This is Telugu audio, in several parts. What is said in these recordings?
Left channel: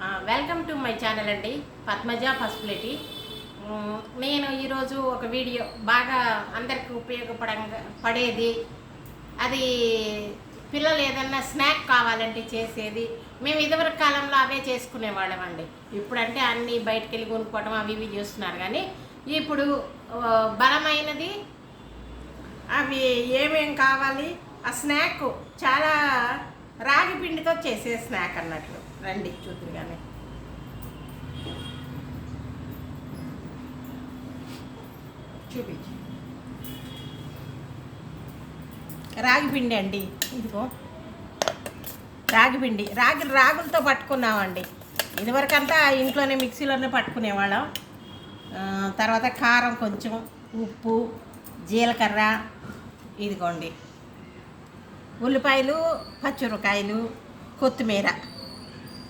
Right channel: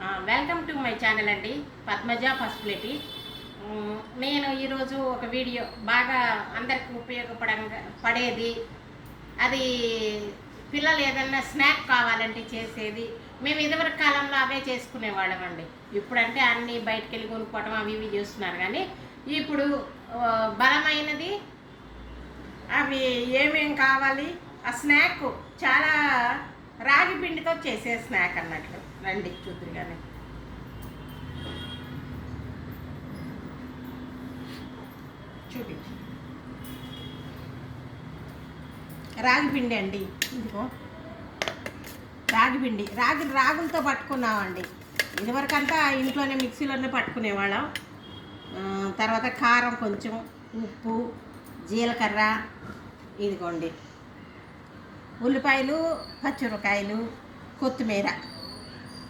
వెల్కమ్ టు మై ఛానల్ అండి పద్మజ పసుపులేటి నేను ఈరోజు ఒక వీడియో బాగా అందరికి ఉపయోగపడంగా పడేది అది పిల్లలు ఏదన్నా స్నాక్ కావాలంటే చేసేది మేము ఇదివరకు కాలంలో అవే చేసుకునేవాళ్ళం అండి. ఇప్పుడంటే అన్నీ బయటకు వెళ్ళి కొనుక్కోవడం అవి ఇవి చేస్తున్నారు కానీ ఇప్పుడు బలమైనది అవి ఏమేం కావాలి ఆ స్నాక్ చాలా రాగి పిండితో చేసే స్నాక్ అన్నట్లు. రండి చూద్దరు కానీ చూపించు. రాగి పిండి అండి ఇదిగో. రాగి పిండి రాగి రాగులతో పట్టుకున్నామండి. ఇదివరకంతా ఇంట్లోనే మిక్సీలోనే పట్టుకునేవాళ్ళం. తర్వాత కారం కొంచెం ఉప్పు జీలకర్ర ఇదిగోండి. ఉల్లిపాయలు పచ్చిమిరకాయలు కొత్తిమీర.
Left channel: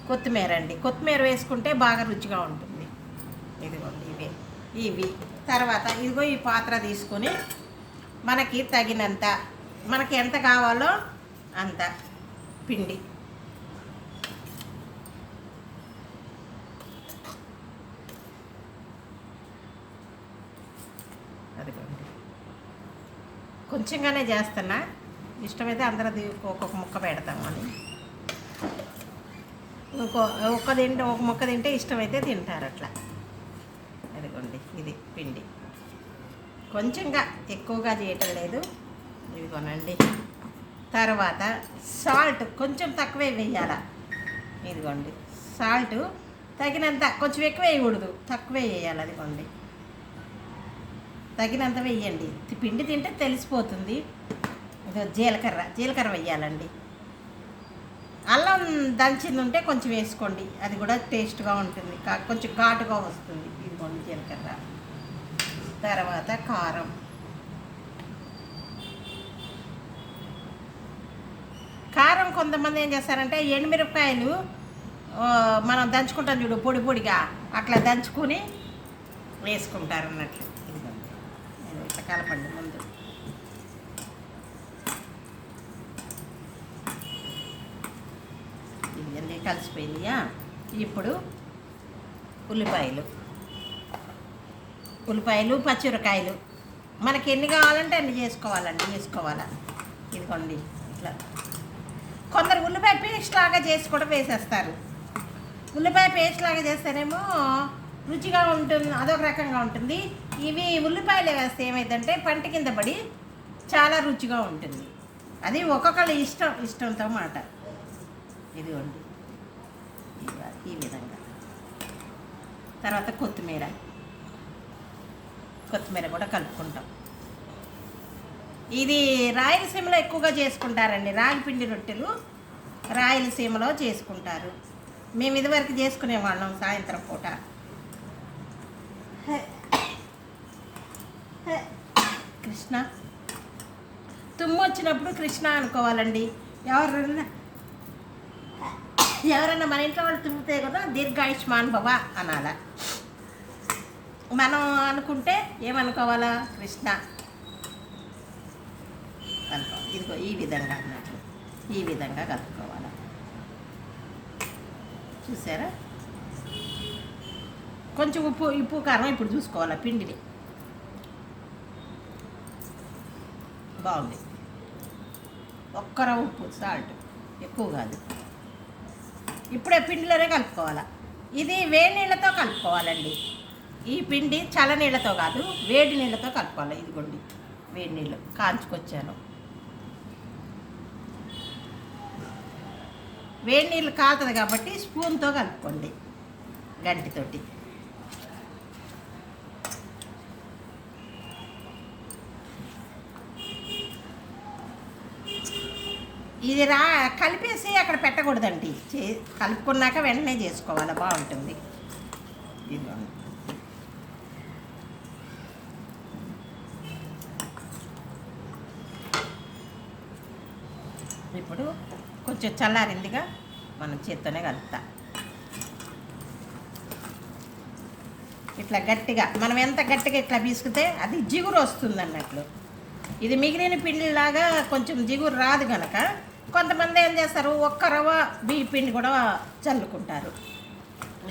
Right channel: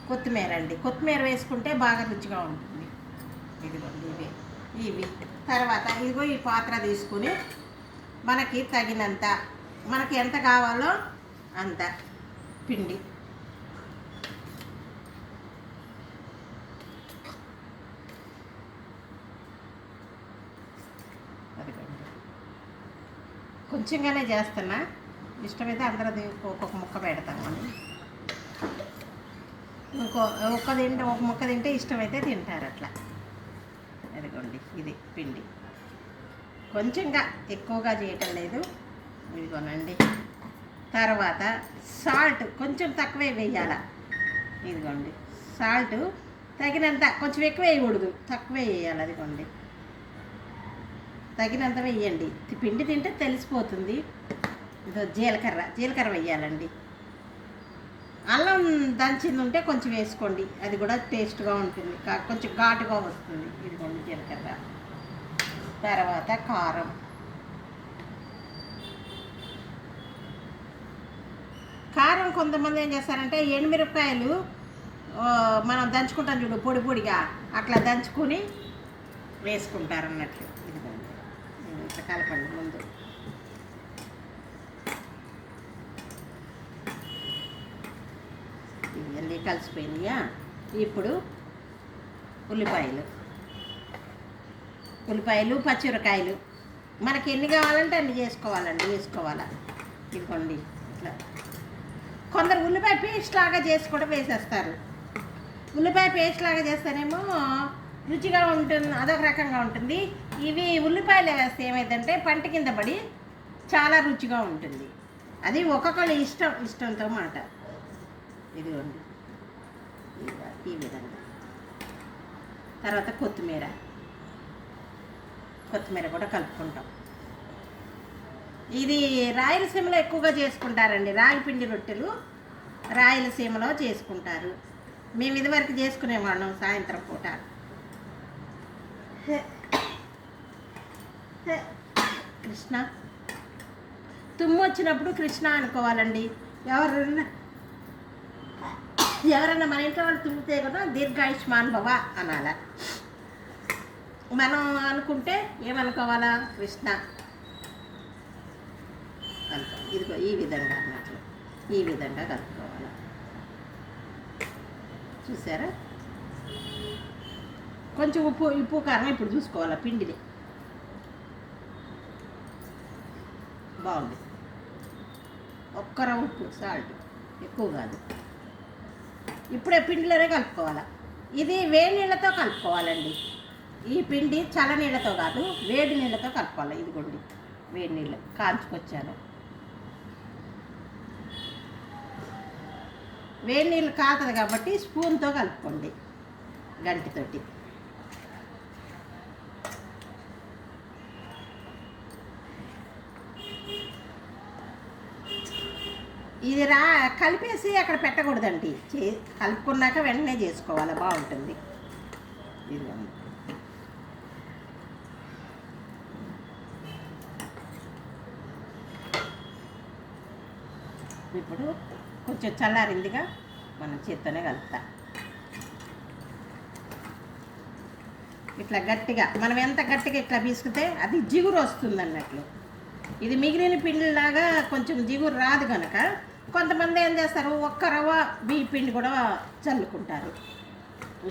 కొత్తిమీర అండి. కొత్తిమీర వేసుకుంటే బాగా రుచిగా ఉంటుంది. ఇదిగోండి ఇవి. ఇవి. తర్వాత ఇదిగో ఈ పాత్ర తీసుకొని మనకి తగినంత మనకి ఎంత కావాలో అంత పిండి. కొంచెంగానే చేస్తున్నా. ఇష్టమైతే అందరూ ఒక్కొక్క ముక్క పెడతామని ఇంకో ఒక్క తింటే ఒక ముక్క తింటే ఇష్టమైతే తింటారు అట్లా. అదిగోండి ఇది పిండి. కొంచెంగా ఎక్కువగా చేయటం లేదు. ఇదిగోనండి తర్వాత సాల్ట్ కొంచెం తక్కువే వేయాల. ఇదిగోండి సాల్ట్ తగినంత కొంచెం ఎక్కువ వేయకూడదు. తక్కువే వేయాలి అదిగోండి. తగినంత వేయండి. పిండి తింటే తెలిసిపోతుంది. ఇదో జీలకర్ర జీలకర్ర వేయాలండి అల్లం దంచింది ఉంటే కొంచెం వేసుకోండి. అది కూడా టేస్ట్గా ఉంటుంది. కా- కొంచెం ఘాటుగా వస్తుంది. ఇదిగోండి జీలకర్ర. తర్వాత కారం. కారం కొంతమంది ఏం చేస్తారంటే ఎండుమిరపకాయలు మనం దంచుకుంటాం చూడు పొడి పొడిగా. అట్లా దంచుకొని వేసుకుంటారు అన్నట్లు ఇదిగోండి ఇట్లా కలపండి. కలిసిపోయిందియా? ఇప్పుడు ఉల్లిపాయలు. ఉల్లిపాయలు పచ్చిమిరకాయలు మనకి ఎన్ని కావాలంటే అన్ని చేసుకోవాలండి వేసుకోవాలా? ఇదిగోండి ఇట్లా. కొందరు ఉల్లిపాయ పేస్ట్ లాగా చేసి కూడా వేసేస్తారు. ఉల్లిపాయ పేస్ట్ లాగా చేస్తేనేమో రుచిగా ఉంటుంది అదొక రకంగా ఉంటుంది. ఇవి ఉల్లిపాయలు వేస్తే ఏమైందంటే పంట కింద పడి చాలా రుచిగా ఉంటుంది. అది ఒక్కొక్కళ్ళ ఇష్టం ఇష్టంతో మాట. ఇదిగోండి. ఈ విధంగా. తర్వాత కొత్తిమీర. కొత్తిమీర కూడా కలుపుకుంటాం. ఇది రాయలసీమలో ఎక్కువగా చేసుకుంటారండి. రాగిపిండి రొట్టెలు రాయలసీమలో చేసుకుంటారు. మేము ఇదివరకు చేసుకునేవాళ్ళం సాయంత్రం పూట. కృష్ణ. తుమ్ము వచ్చినప్పుడు కృష్ణ అనుకోవాలండి. ఎవరన్నా ఎవరైనా మన ఇంట్లో వాళ్ళు తుమ్మితే కదా దీర్ఘాయుష్మాన్ భవ అనాల. మనం అనుకుంటే ఏమనుకోవాలా? కృష్ణ. అనుకో ఇదిగో ఈ విధంగా అన్నట్లు. ఈ విధంగా కలుపుకోవాలి. చూసారా? కొంచెం ఉప్పు ఉప్పు కారం ఇప్పుడు చూసుకోవాలి పిండిని. బాగుంది. ఒక్కర ఉప్పు సాల్ట్. ఎక్కువ కాదు. ఇప్పుడే పిండిలోనే కలుపుకోవాలి. ఇది వేడి నీళ్ళతో కలుపుకోవాలండి. ఈ పిండి చల్ల నీళ్ళతో కాదు వేడి నీళ్ళతో కలుపుకోవాలి. ఇదిగోండి వేడి నీళ్ళు కాంచుకొచ్చాను వేడి నీళ్ళు కాతదు కాబట్టి స్పూన్తో కలుపుకోండి గంటితోటి. ఇది రా కలిపేసి అక్కడ పెట్టకూడదండి. చే కలుపుకున్నాక వెంటనే చేసుకోవాలి బాగుంటుంది. ఇప్పుడు కొంచెం చల్లారిందిగా మనం చేత్తోనే కలుపుతా. ఇట్లా గట్టిగా మనం ఎంత గట్టిగా ఇట్లా పీసుకుతే అది జిగురు వస్తుంది అన్నట్లు ఇది మిగిలిన పిండిలాగా కొంచెం జిగురు రాదు కనుక కొంతమంది ఏం చేస్తారు ఒక్క రవ్వ బియ్యపిండి కూడా చల్లుకుంటారు.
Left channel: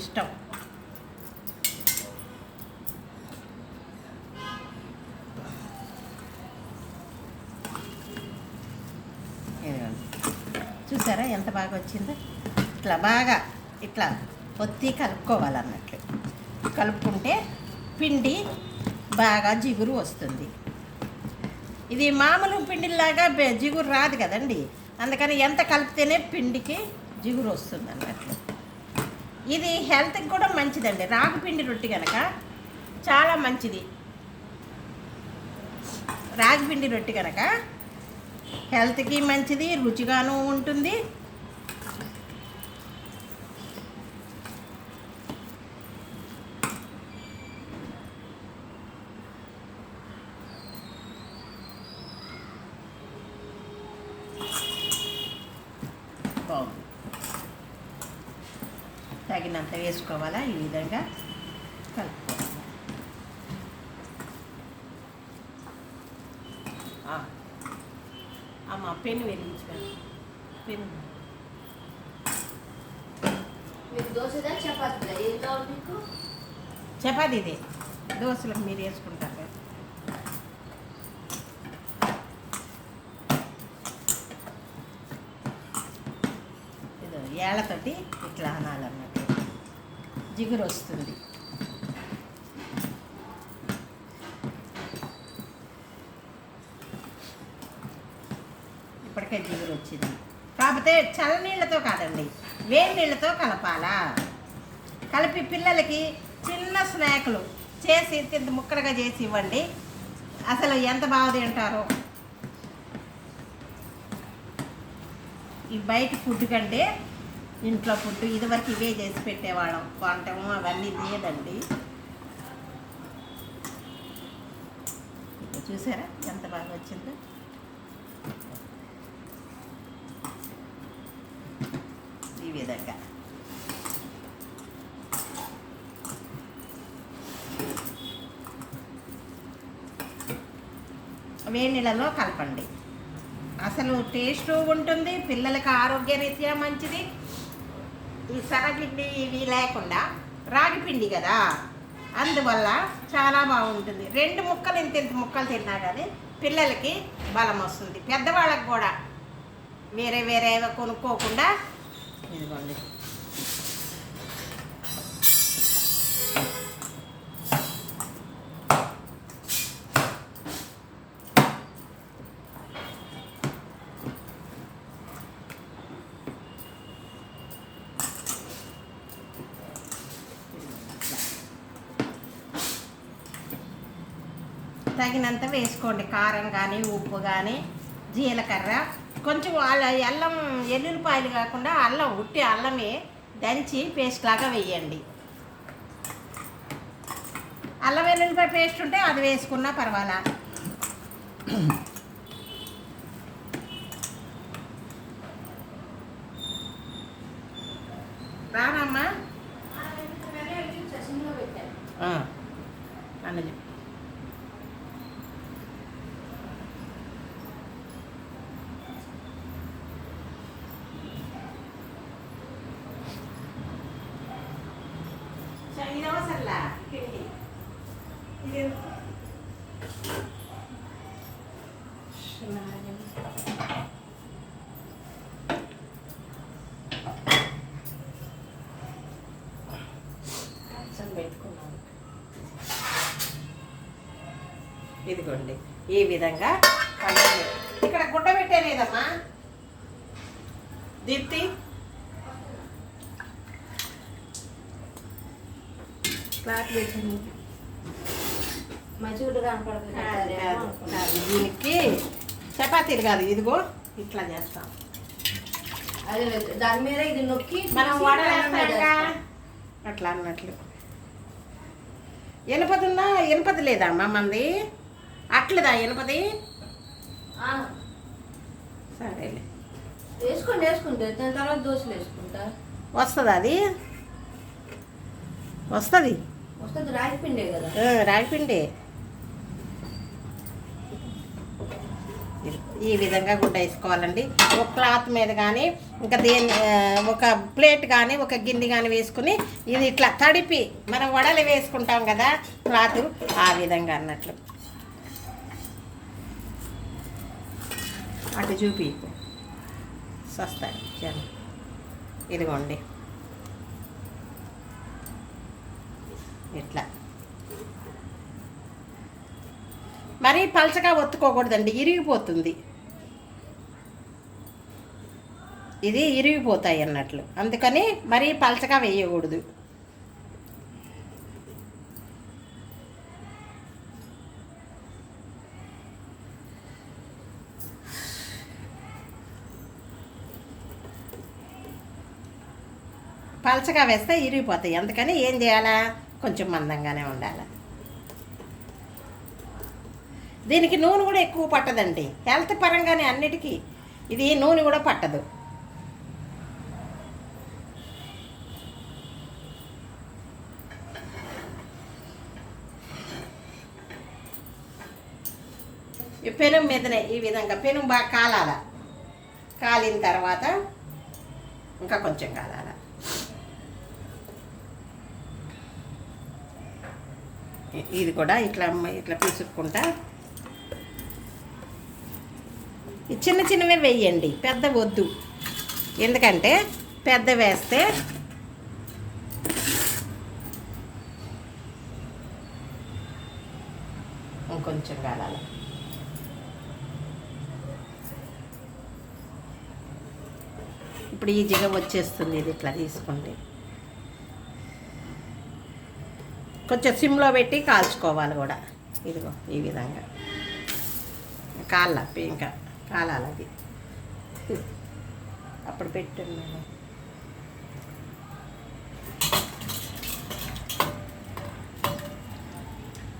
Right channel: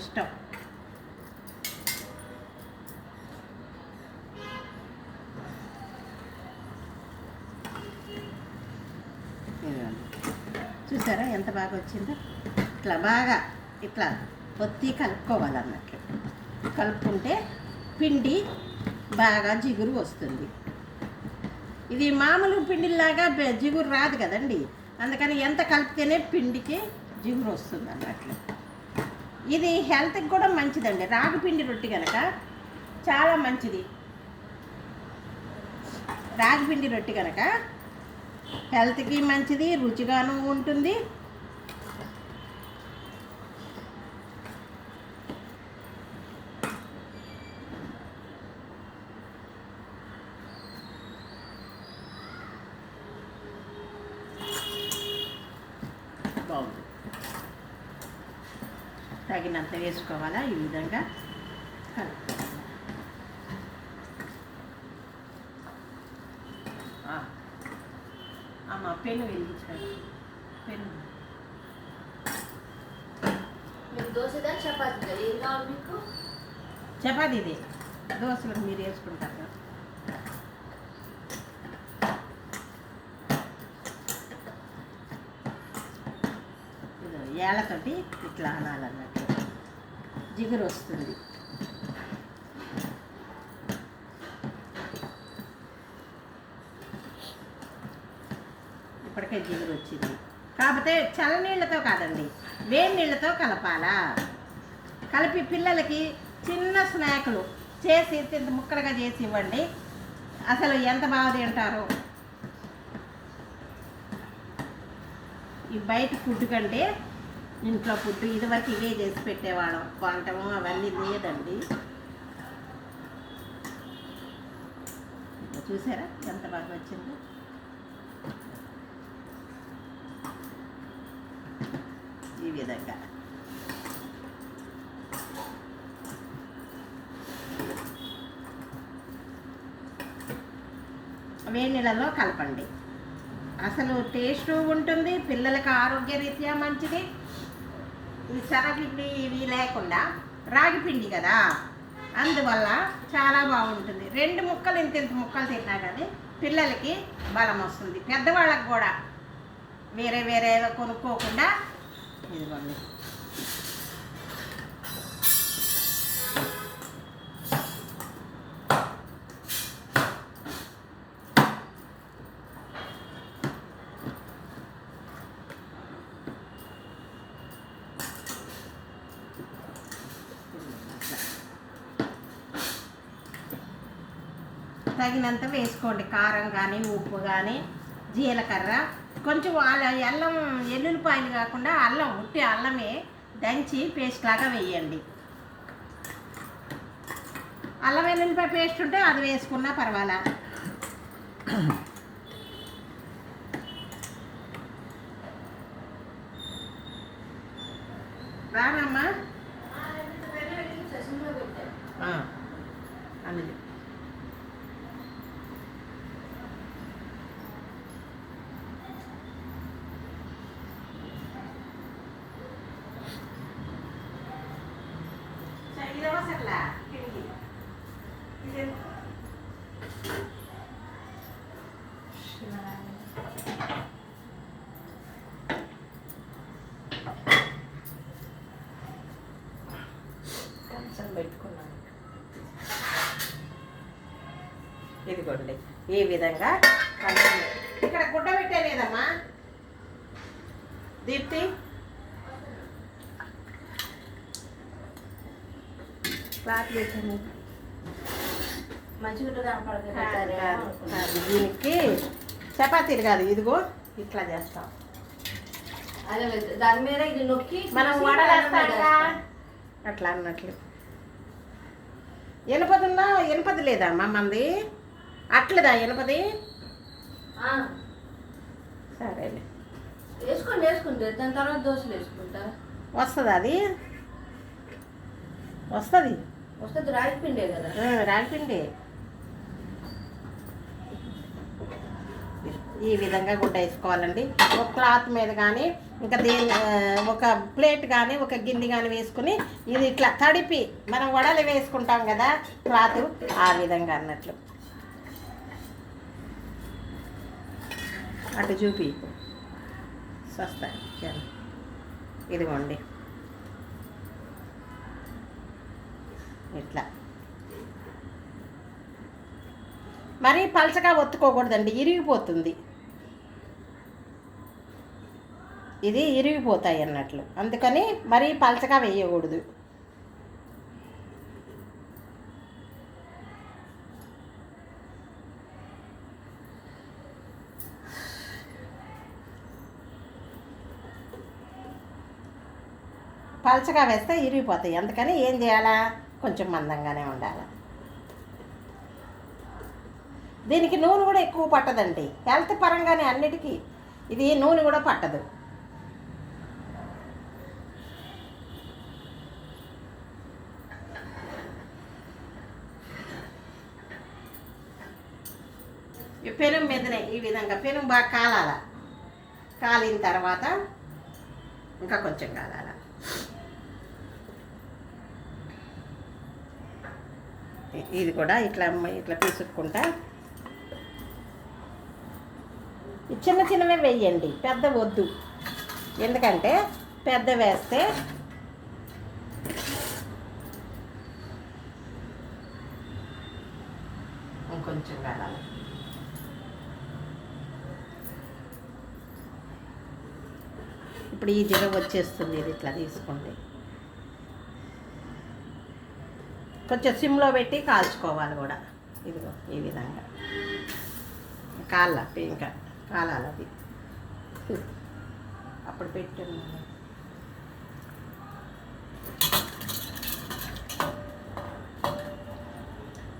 ఇష్టం. చూసారా ఎంత బాగా వచ్చిందో? ఇట్లా బాగా ఇట్లా ఒత్తి కలుపుకోవాలన్నట్లు కలుపుకుంటే పిండి బాగా జిగురు వస్తుంది. ఇది మామూలు పిండిలాగా జిగురు రాదు కదండి. అందుకని ఎంత కలిపితేనే పిండికి జిగురు వస్తుంది అన్నట్లు ఇది హెల్త్కి కూడా మంచిదండి. రాగి పిండి రొట్టి కనుక చాలా మంచిది. రాగి పిండి రొట్టి కనుక హెల్త్కి మంచిది రుచిగాను ఉంటుంది బాగుంది తగినంత వేసుకోవాలా? ఈ విధంగా కలుపుకోవాలి. అమ్మ పెన్ను వెలిగించాలి పెన్ను. చపాతీ ఇది దోశలకు మీరు వేసుకుంటారు. కదా. ఏళ్ళతోటి ఇట్లా అనాలన్నట్టు జిగురు వస్తుంది. ఇప్పటికే జిగురు వచ్చింది. కాకపోతే చల్లనీళ్ళతో కాదండి వేడి నీళ్ళతో కలపాలా? కలిపి పిల్లలకి చిన్న స్నాక్లు చేసి తింత ముక్కలుగా చేసి ఇవ్వండి. అసలు ఎంత బాగా తింటారో. ఈ బయట ఫుడ్ కంటే ఇంట్లో ఫుడ్ ఇదివరకు ఇవే చేసి పెట్టేవాళ్ళం. కొంటము అవన్నీ లేదండి. చూసారా? ఎంత బాగా వచ్చిందో? ఈ విధంగా. వేడి నీళ్ళలో కలపండి. అసలు టేస్ట్ ఉంటుంది పిల్లలకి ఆరోగ్యరీత్యా మంచిది. ఈ సరగిడ్డి ఇవి లేకుండా రాగి పిండి కదా? అందువల్ల చాలా బాగుంటుంది. రెండు ముక్కలు ఇంత ఇంత ముక్కలు తిన్నా కానీ పిల్లలకి బలం వస్తుంది. పెద్దవాళ్ళకి కూడా వేరే వేరే కొనుక్కోకుండా ఇదిగోండి. తగినంత వేసుకోండి. కారం కానీ ఉప్పు కానీ జీలకర్ర. కొంచెం వాళ్ళ అల్లం ఎల్లుల్లిపాయలు కాకుండా అల్లం ఉట్టి అల్లమే దంచి పేస్ట్ లాగా వేయండి. అల్లం వెల్లుల్లిపాయ పేస్ట్ ఉంటే అది వేసుకున్నా పర్వాలా రానమ్మా ససిలో పెట్టాను అన్నది ఇదవసరలా పిండి ఇది కంచం పెట్టుకున్నాను ఇదిగోండి. ఈ విధంగా. ఇక్కడ గుడ్డ పెట్టలేదమ్మా. దీప్తి. క్లాత్ పెట్టాను. దీనికి చపాతీలు కాదు ఇదిగో ఇట్లా చేస్తాం. అదే దాని మీద ఇది నొక్కి మనం తీసి వడలు పెనం మీద వేస్తాంగా అట్లా అన్నట్లు. ఎనపదున్నా ఎనపది లేదమ్మా మంది? అట్లదా ఎనపది? సరేలే. వేసుకోండి వేసుకుంటే దాని తర్వాత దోశలు వేసుకుంటా. వస్తుందా అది? వస్తుంది. వస్తుంది రాగి పిండే కదా. రాగిపిండి ఈ విధంగా గుడ్డ వేసుకోవాలండి. ఒక క్లాత్ మీద కానీ ఇంకా దేని ఒక ప్లేట్ కానీ ఒక గిన్నె కానీ వేసుకుని ఇది ఇట్లా తడిపి మనం వడలు వేసుకుంటాం కదా క్లాత్ ఆ విధంగా అన్నట్లు. అటు చూపి సస్తాయి. ఇదిగోండి. ఇట్లా. మరీ పలచగా ఒత్తుకోకూడదండి. ఇరిగిపోతుంది. ఇది ఇరిగిపోతాయి అన్నట్లు. అందుకని మరీ పలచగా వేయకూడదు. పలచగా వేస్తే ఇరిగిపోతాయి. అందుకని ఏం చేయాలా? కొంచెం మందంగానే ఉండాలి. దీనికి నూనె కూడా ఎక్కువ పట్టదండి. హెల్త్ పరంగానే అన్నిటికీ ఇది నూనె కూడా పట్టదు. ఈ పెనం మీదనే ఈ విధంగా పెనం బాగా కాలాల. కాలిన తర్వాత ఇంకా కొంచెం కాలాల. ఇది కూడా ఇట్లా ఇట్లా తీసుకుంటా. చిన్న చిన్నవి వేయండి పెద్ద వద్దు. ఎందుకంటే పెద్ద వేస్తే ఇంకొంచెం కాలాలి ఇప్పుడు ఈజీగా వచ్చేస్తుంది ఇది ఇట్లా తీసుకోండి. కొంచెం సిమ్లో పెట్టి కాల్చుకోవాలి కూడా. ఇదిగో ఈ విధంగా. కాళ్ళ ఇంకా కాలాలి అది అప్పుడు పెట్టున్నాను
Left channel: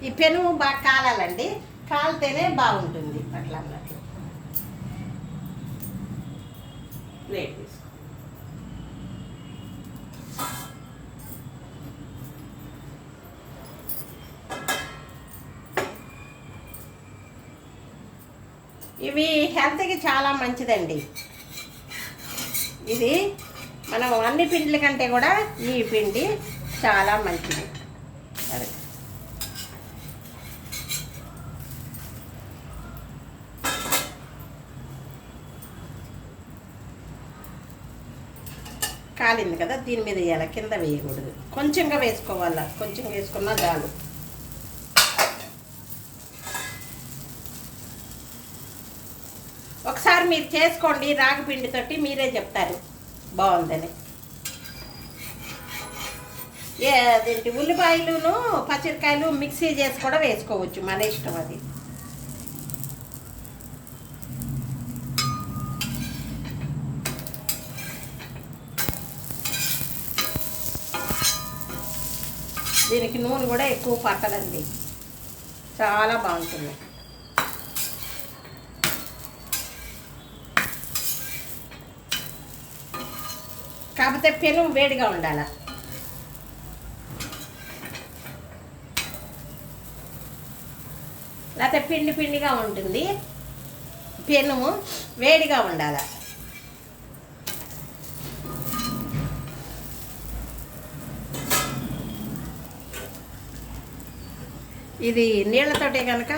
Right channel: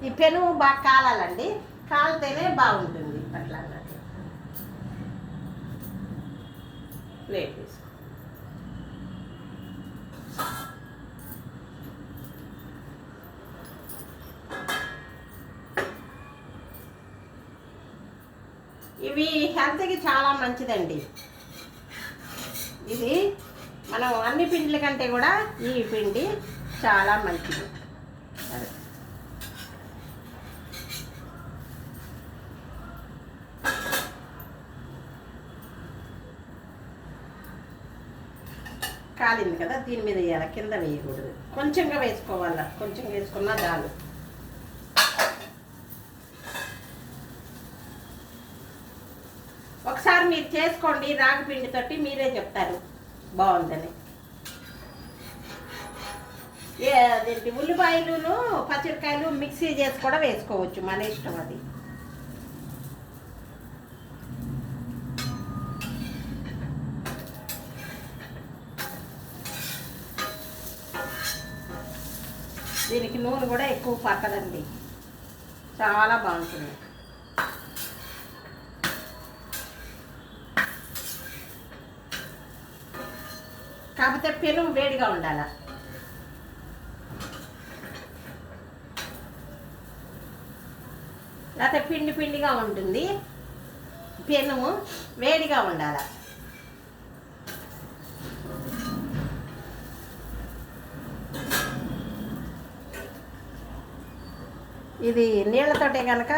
ఈ పెను బాగా కాలాలండి. కాలితేనే బాగుంటుంది అట్లా అన్నట్లు. ప్లేట్ తీసుకో ఇవి హెల్త్కి చాలా మంచిదండి. ఇది మనం అన్ని పిండిల కంటే కూడా ఈ పిండి చాలా మంచిది. అదే. కాలింది కదా దీని మీద వేయాలి. కింద వేయకూడదు. కొంచెంగా వేసుకోవాలా? కొంచెం వేసుకున్నా చాలు ఒకసారి మీరు చేసుకోండి రాగి పిండితోటి మీరే చెప్తారు. బాగుందని. ఏ అదేంటి ఉల్లిపాయలును పచ్చిమిరకాయలు మిక్సీ చేసి కూడా వేసుకోవచ్చు మన ఇష్టం అది. దీనికి నూనె కూడా ఎక్కువ పక్కదండి చాలా బాగుంటుంది. కాకపోతే పెను వేడిగా ఉండాల? లేకపోతే పిండి పిండిగా ఉంటుంది. పెనుము వేడిగా ఉండాల? ఇది నీళ్ళతోటే కనుక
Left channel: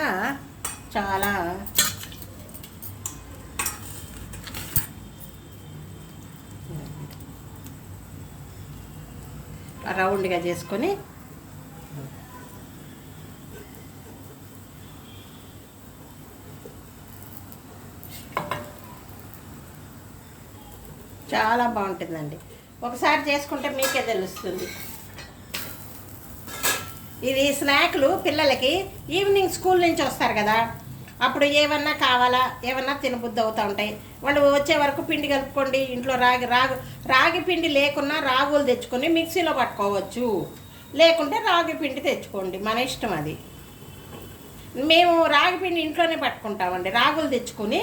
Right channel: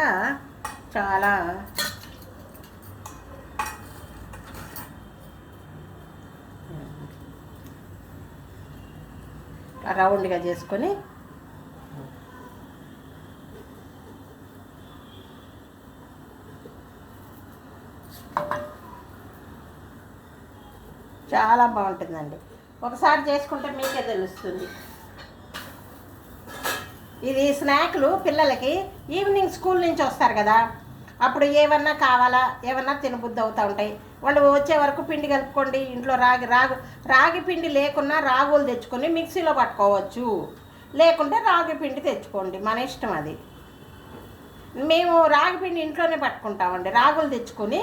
చాలా రౌండ్గా చేసుకొని చాలా బాగుంటుందండి. ఒకసారి చేసుకుంటే మీకే తెలుస్తుంది. ఇది స్నాక్లు పిల్లలకి ఈవినింగ్ స్కూల్ నుంచి వస్తారు కదా. అప్పుడు ఏమన్నా కావాలా? ఏమన్నా తినబుద్ధి అవుతూ ఉంటాయి. వాళ్ళు వచ్చే వరకు పిండి కలుపుకోండి ఇంట్లో రాగి రాగి రాగి పిండి లేకున్నా రాగులు తెచ్చుకొని మిక్సీలో పట్టుకోవచ్చు. లేకుంటే రాగి పిండి తెచ్చుకోండి మన ఇష్టం అది. మేము రాగి పిండి ఇంట్లోనే పట్టుకుంటామండి. రాగులు తెచ్చుకొని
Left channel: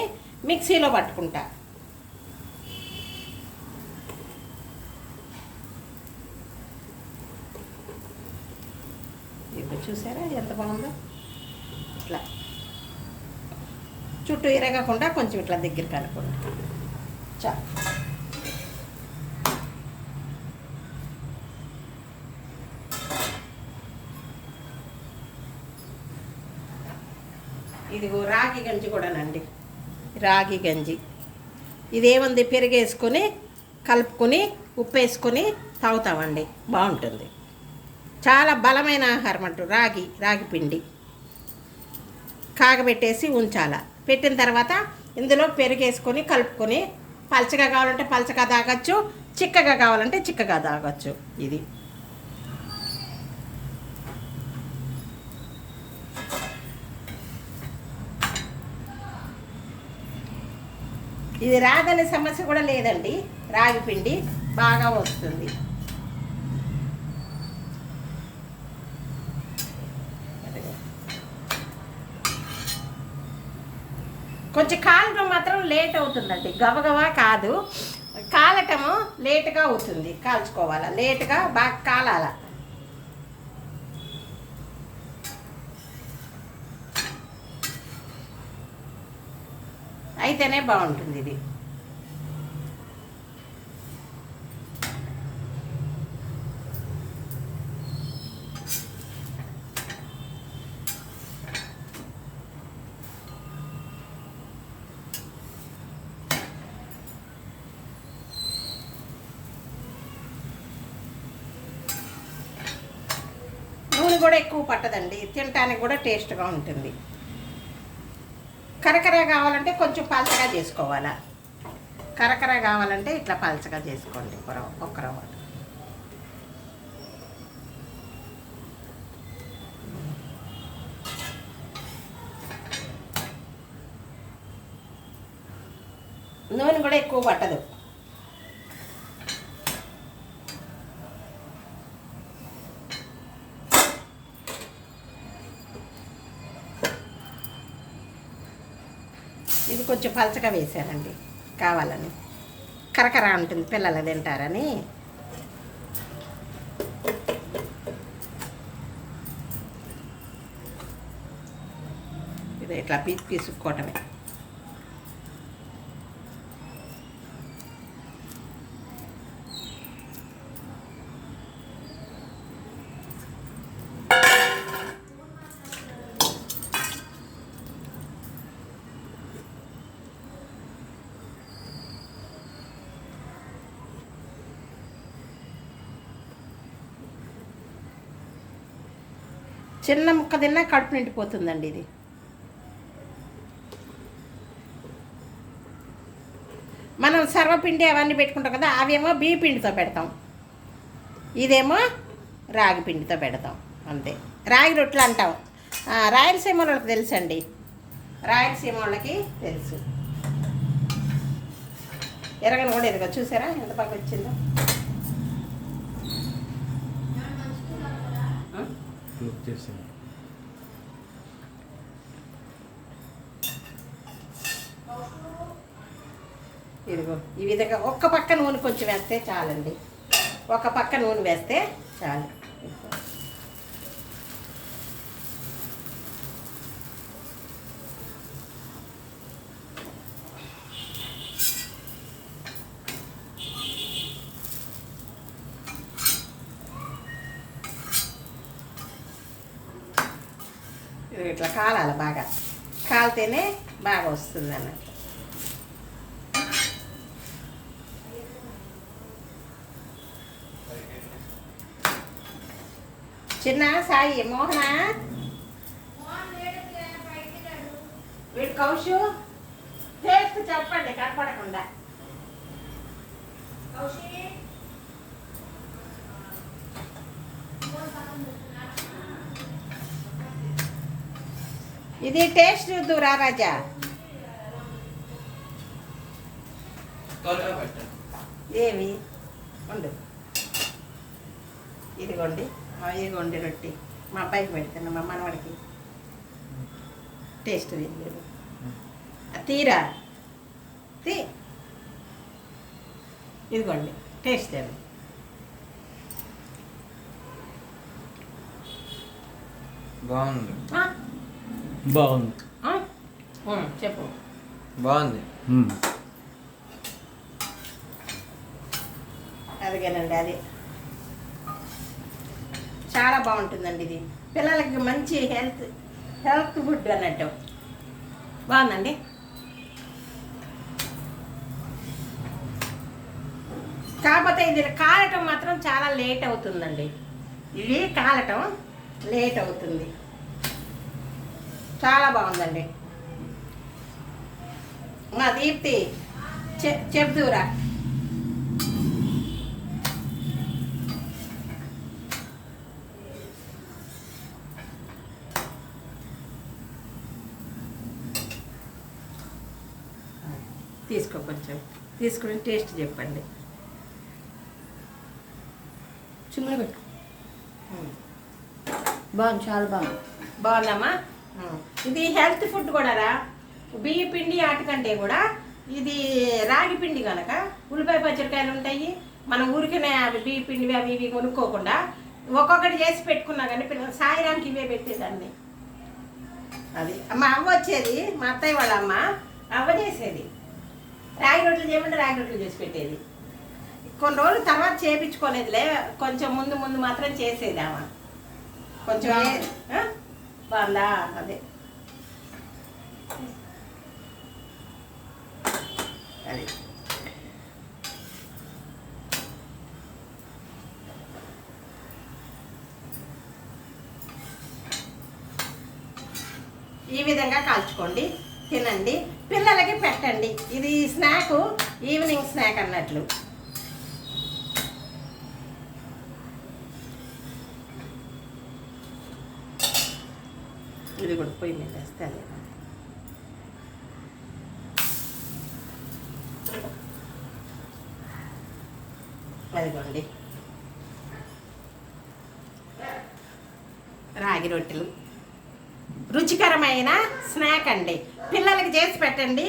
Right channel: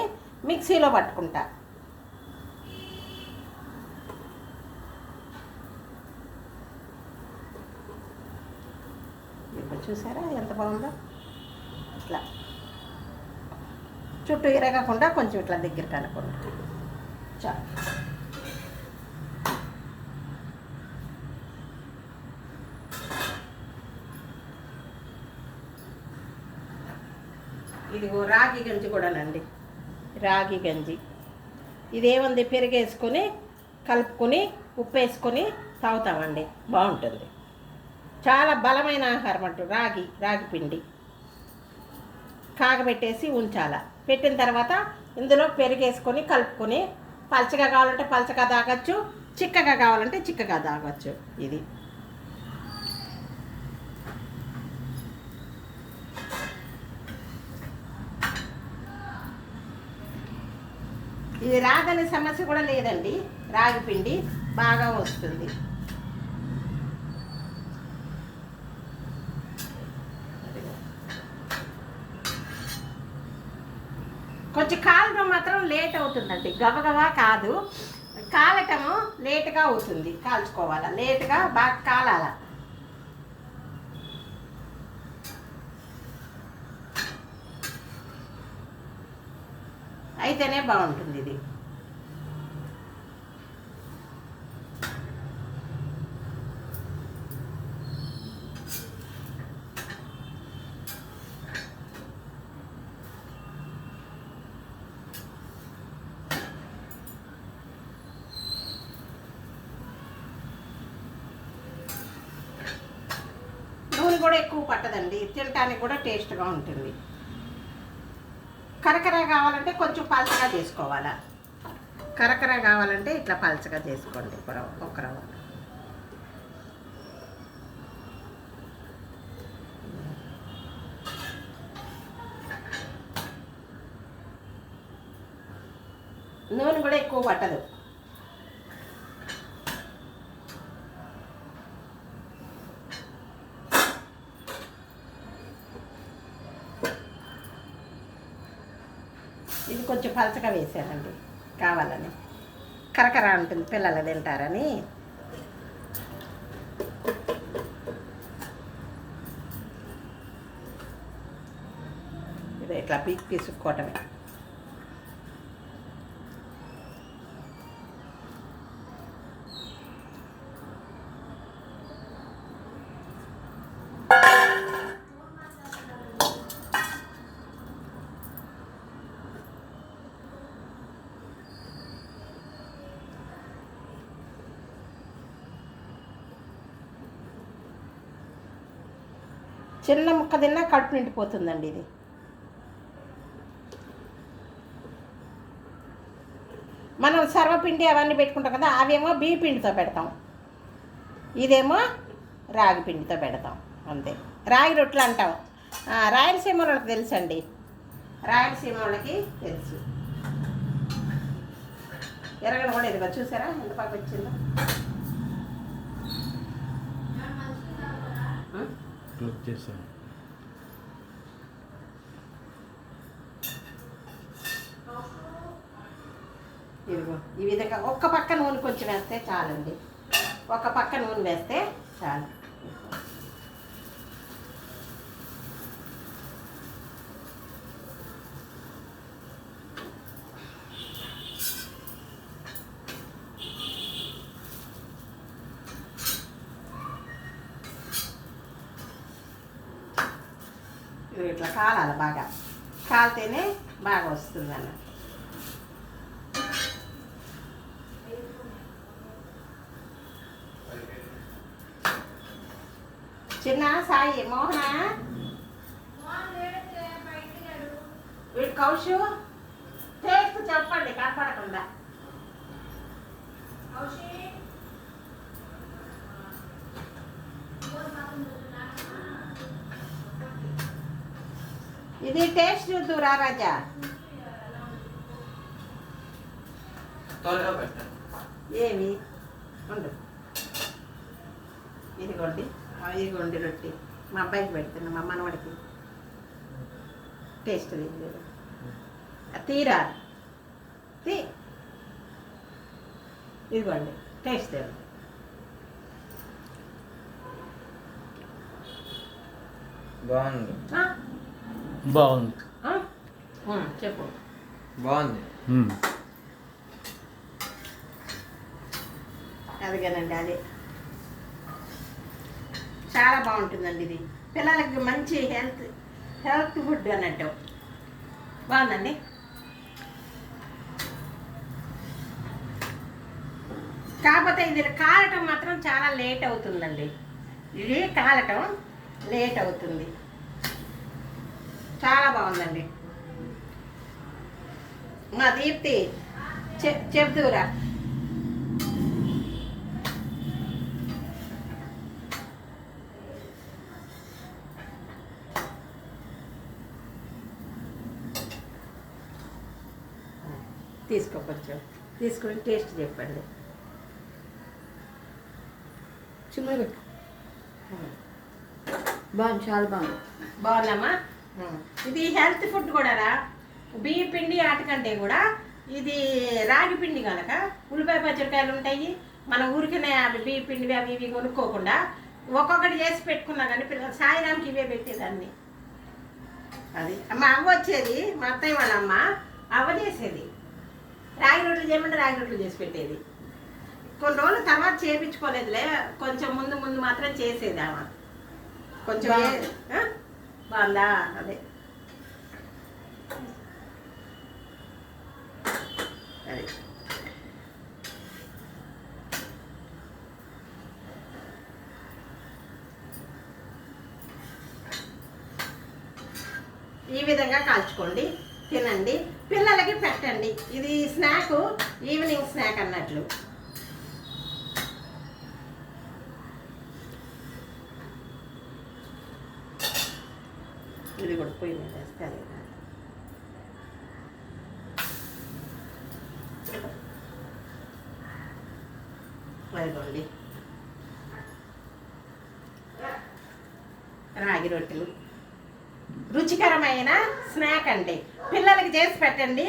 మిక్సీలో పట్టుకుంటా. చూసారా ఎంత బాగుందో ఇట్లా చుట్టూ ఇరగకుండా కొంచెం ఇట్లా దగ్గరికి అనుకోండి. చా. ఇదిగో రాగి గంజి కూడానండి. రాగి గంజి. ఇదేముంది? పెరిగేసుకొని కలుపుకొని ఉప్పు వేసుకొని తాగుతామండి. బాగుంటుంది. చాలా బలమైన ఆహారం అంటారు రాగి రాగి పిండి. కాగబెట్టేసి ఉంచాల. పెట్టిన తర్వాత ఇందులో పెరిగేసుకొని కలుపుకొని పలచగా కావాలంటే పలచగా తాగొచ్చు చిక్కగా కావాలంటే చిక్కగా తాగొచ్చు. ఇది. ఇది రాదనే సమస్య కూడా లేదండి. రాగి పిండి బాగా వస్తుంది. కొంచెం కాలటం మాత్రం లేట్ అవుతుందండి. గబగబా కాదు. కాలటము లేటుగా అవుతుంది. కాల్చుకోవాలా? లేటుగా బాగా కాలాల? అయితేనే బాగుంటుంది ఇది నూనె కూడా ఎక్కువ పట్టదండి. తినటానికి కూడా టేస్ట్గా ఉంటుంది. కరకర కావాలంటే కొంచెం పలచగా చేసుకోవాలా? కరకర కావాలంటే ఇట్లా పలచగా చేసుకోండి. ఒక ఒక రవ్వ. నూనె కూడా ఎక్కువ పట్టదు ఇది కొంచెం పలచగా వేశానండి. కావాలని. కరకర ఉంటుంది పిల్లలు తింటారని. ఇది ఇట్లా పీస్ పీసుకోవటమే చిన్న ముక్క తిన్నా కడుపు నిండిపోతుందండి ఇది. మనం సర్వపిండి అవన్నీ పెట్టుకుంటాం కదా అవేమో బియ్య పిండితో పెడతాం. ఇదేమో రాగి పిండితో పెడతాం అంతే. రాగి రొట్టెలు అంటాం. రాయలసీమ వాళ్ళకి తెలుసండి. రాయలసీమ వాళ్ళకి తెలుసు. ఎరగను కూడా ఎరగ చూసారా? ఎంత బాగా వచ్చిందో? క్లోజ్ చేసాను ఇదిగో ఈ విధంగా ఒక్క పక్క నూనె కొంచెం వేస్తే చాలండి. ఒక పక్క నూనె వేస్తే చాలు ఇది ఇట్లా కాలాలి బాగా. కాలితేనే బాగా వస్తుంది అన్నట్టు. చిన్న సాయి మోహన? వీడు కౌశు? టేస్ట్ చెప్పండి కనపడకుండా. ఇది టేస్ట్ చూద్దురా రాజా. ఏమి? ఉండు. ఇదిగోండి. ఇదిగోండి రొట్టి. మా అబ్బాయికి పెడుతున్నా మా మనవాడికి టేస్ట్ ఆ, తీరా? తీ. ఇదిగోండి టేస్ట్ తెలియదు బాగుంది. బాగుంది. చెప్పు. బాగుంది. అదిగేనండి అది. చాలా బాగుంటుందండి ఇది. పిల్లలకి మంచి హెల్త్ హెల్త్ ఫుడ్ అన్నట్టు. బాగుందండి? కాకపోతే ఇది కాలటం మాత్రం చాలా లేట్ అవుతుందండి. ఇది కాలటం లేట్ అవుతుంది. చాలా బాగుందండి. మా దీప్తి చెప్దురా తీసుకో కొంచెం. తీసుకుని టేస్ట్ చెప్పండి. పెట్టు. బాగుంది చాలా బాగుంది. బాగుందమ్మా ఇది హెల్త్ ఫుడ్ కూడా రా. బియ్య పిండి ఆటకంటే కూడా ఇది రాగి పిండి కనుక ఉల్లిపాయ పచ్చడికాయలు ఉంటాయి. మన ఊరికనే అవి బియ్య పిండి అవి ఇవి కొనుక్కోకుండా ఒక్కొక్కటి చేసి పెట్టుకున్నా కానీ పిల్లలు సాయిరానికి ఇవే పెట్టేదాన్ని. అది మా అవ్వ వచ్చేది మా అత్తయ్య వాళ్ళ అమ్మ అవ్వ చేసేది. రాగి రొట్టెలు చేయమంటే రాగి రొట్టెలు చేసి పెట్టేది. కొన్ని రోజులు తర్వాత చేపించుకోలేదులే కొంచెం ముందు ముందు మాత్రం చేసేది ఆమె. కొంచెం వాళ్ళ బాగుందా అదే. అది. ఈ విధంగా కాల్చుకోండి తినండి పిల్లలకి పెట్టండి. ఇది స్నాక్ ఈవినింగ్ స్నాక్ అన్నట్లు. ఇది కూడా పొయ్యి మీద వేస్తే అదిగోండి. రాగి రొట్టెలు. రుచికరమైన స్నాక్ అండి. పిల్లలకి చేసి పెట్టండి.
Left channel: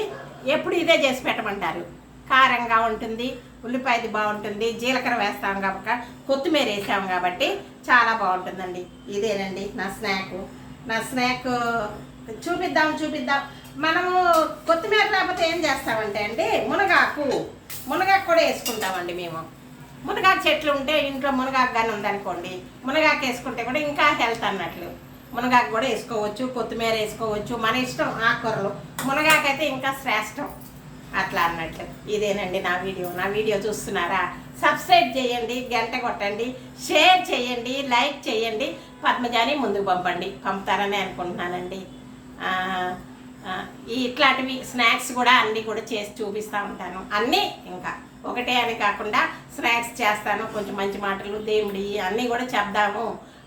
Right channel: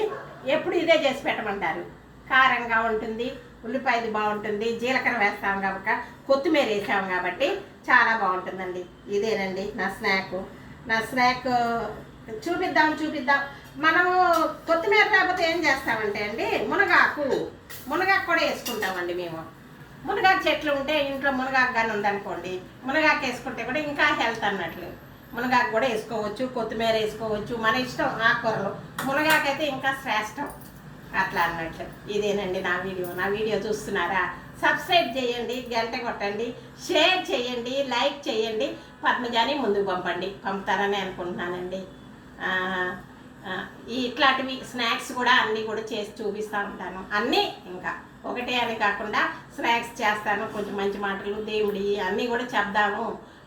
ఎప్పుడు ఇదే చేసి పెట్టమంటారు. కారంగా ఉంటుంది ఉల్లిపాయది బాగుంటుంది జీలకర్ర వేస్తాం కాబట్టి కొత్తిమీర వేసాం కాబట్టి చాలా బాగుంటుందండి. ఇదేనండి నా స్నాక్. నా స్నాక్ చూపిద్దాం చూపిద్దాం. మనము కొత్తిమీర రాకపోతే ఏం చేస్తామంటే అండి మునగాకు మునగాకు కూడా వేసుకుంటామండి మేము. మునగాకు చెట్లు ఉంటే ఇంట్లో మునగాకు కానీ ఉందనుకోండి మునగాకు వేసుకుంటే కూడా ఇంకా హెల్త్ అన్నట్లు. మునగాకు కూడా వేసుకోవచ్చు కొత్తిమీర వేసుకోవచ్చు మన ఇష్టం ఆకుకూరలు. మునగాకు అయితే ఇంకా శ్రేష్టం. అట్లా అన్నట్లు. ఇదేనండి నా వీడియో. నా వీడియో చూస్తున్నారా? సబ్స్క్రైబ్ చేయండి గంట కొట్టండి షేర్ చేయండి లైక్ చేయండి. పద్మజాని ముందుకు పంపండి పంపుతారని అనుకుంటున్నానండి. ఇట్లాంటివి స్నాక్స్ కూడా అన్నీ కూడా చేసి చూపిస్తూ ఉంటాను. అన్నీ ఇంకా ఒకటే అని కాకుండా స్నాక్స్ చేస్తాను కొంచెం మంచి మాటలు దేవుడి అన్నీ కూడా చెప్దాము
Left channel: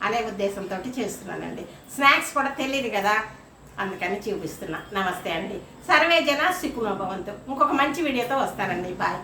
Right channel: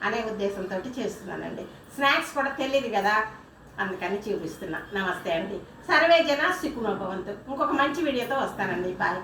అనే ఉద్దేశంతో చేస్తున్నానండి. స్నాక్స్ కూడా తెలియదు కదా అందుకని చూపిస్తున్నా. నమస్తే అండి. సర్వే జన సిక్కునోభవంతు ఇంకొక మంచి వీడియోతో వస్తానండి. బాయ్.